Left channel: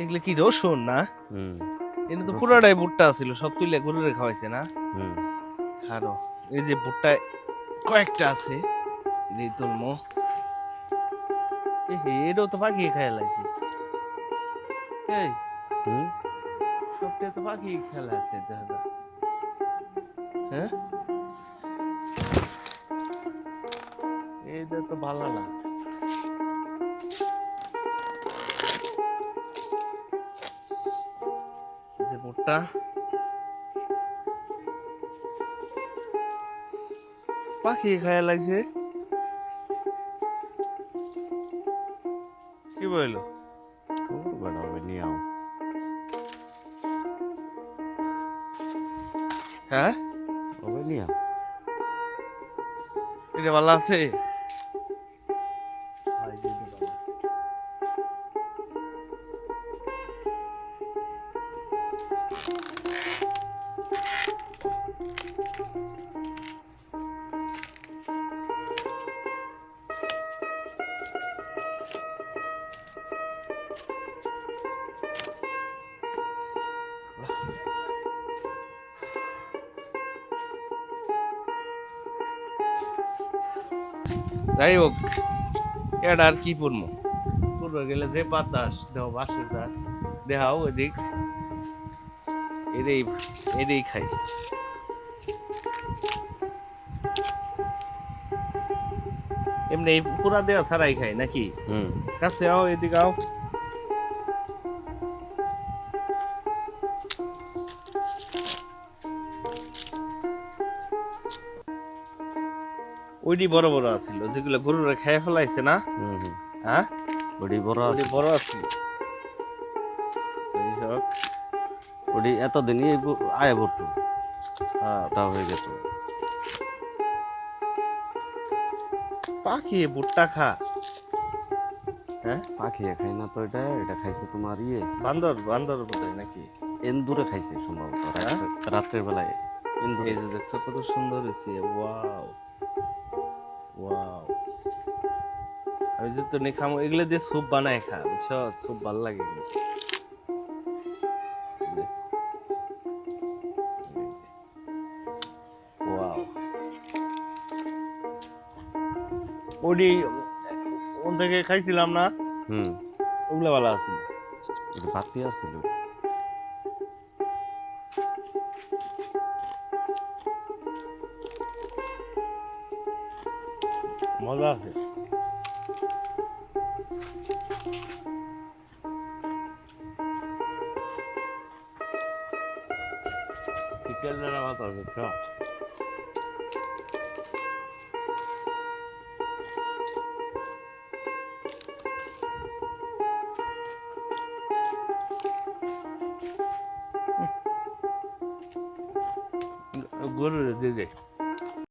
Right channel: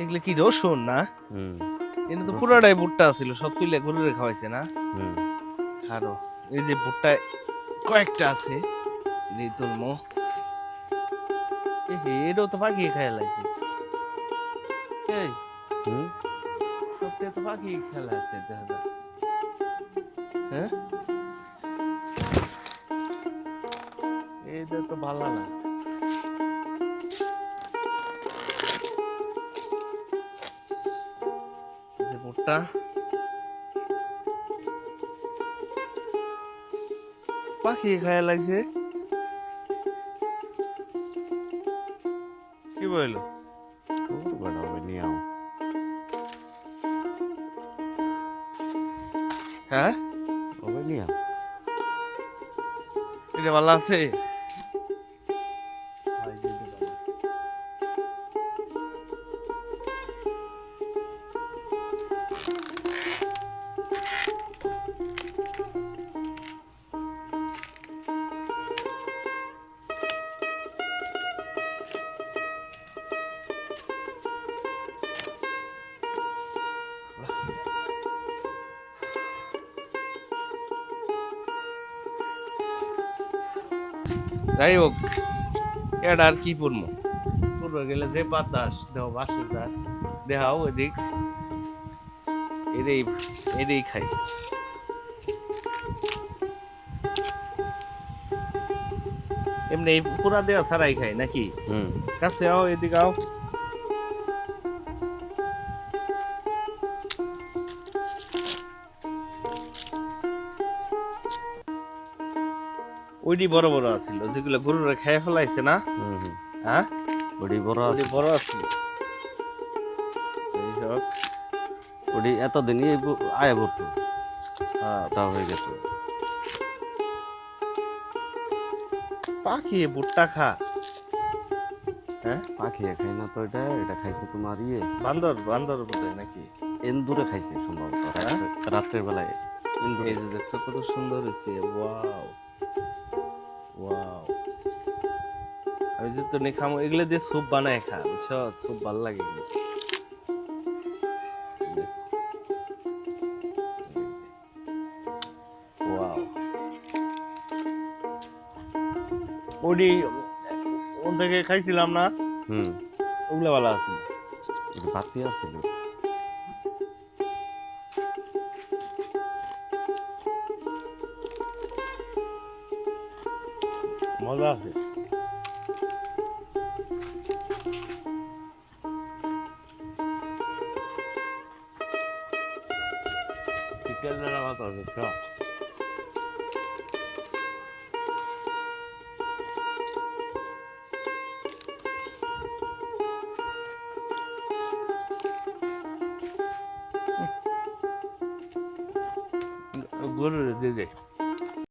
এগুলো কি রসুন না? এটা তো। পুরাটাই ভুট্টা ছিল সব তুলে গরুরে খাওয়াইছে না? হুম। খারো এই যে ভুট্টা কয়েকটা আছে এই তুলমো এটাও তো পাখি খায় লাগছে। এই সবটা তো পাখি খেলা আছে যায় হ্যাঁ? এইটা তো ভালো না। যে ভুট্টা পাখি খায় লাগছে। কি বলল? বেড়া হবে নিয়ে আও হ্যাঁ? হবে নিয়ে আও এটা ভালো আছে? যাই হোক এটা আর কি পড়ব পূর্ব গেলে যে বাতাস দেহ বাসের দাঁত দেহাও এদিক এটাই এটাই খাই। এমনি পুরা দেওয়া ছাড়াই খাই নাকি? হুম। কাছে আও এদিকে আও ওইটি বড় বড় আছিল যেগুলো গরুরা খেয়ে ফেলাইছে না? হুম হুম। হ্যাঁ? ওডি বড় আছে বড় আছিল। এই হোক ওডি এতদিনই আয় পড়তো হ্যাঁ। ওটা হয়ে গেত পাখি ভুট্টা খা। হ্যাঁ? পাখি খাই না তো এটা এটা খাইছে তোমার ইয়ে। বান্দর বান্দর বোধহয় নাকি? এন্দুরে খাইছে সম্ভবত হ্যাঁ? রাত্রে- রাত্রের বেলায়। এন্দুরে। এই যে দেখছ কত সুন্দর হয়েছে ওয়াও। ওয়াও আমি যে তো খামো এগুলো দিয়ে স্যুপ বানায় খা বুঝছ? স্যুপ ভালো লাগে ওয়াও ওডি ওন থেকে খাইছিলাম না? হুম। ওগুলো ভালো আছিল। বাতি আসছিল মজা আছে। চিকেন জানা মাথা আছে খা গরু দিয়ে দে।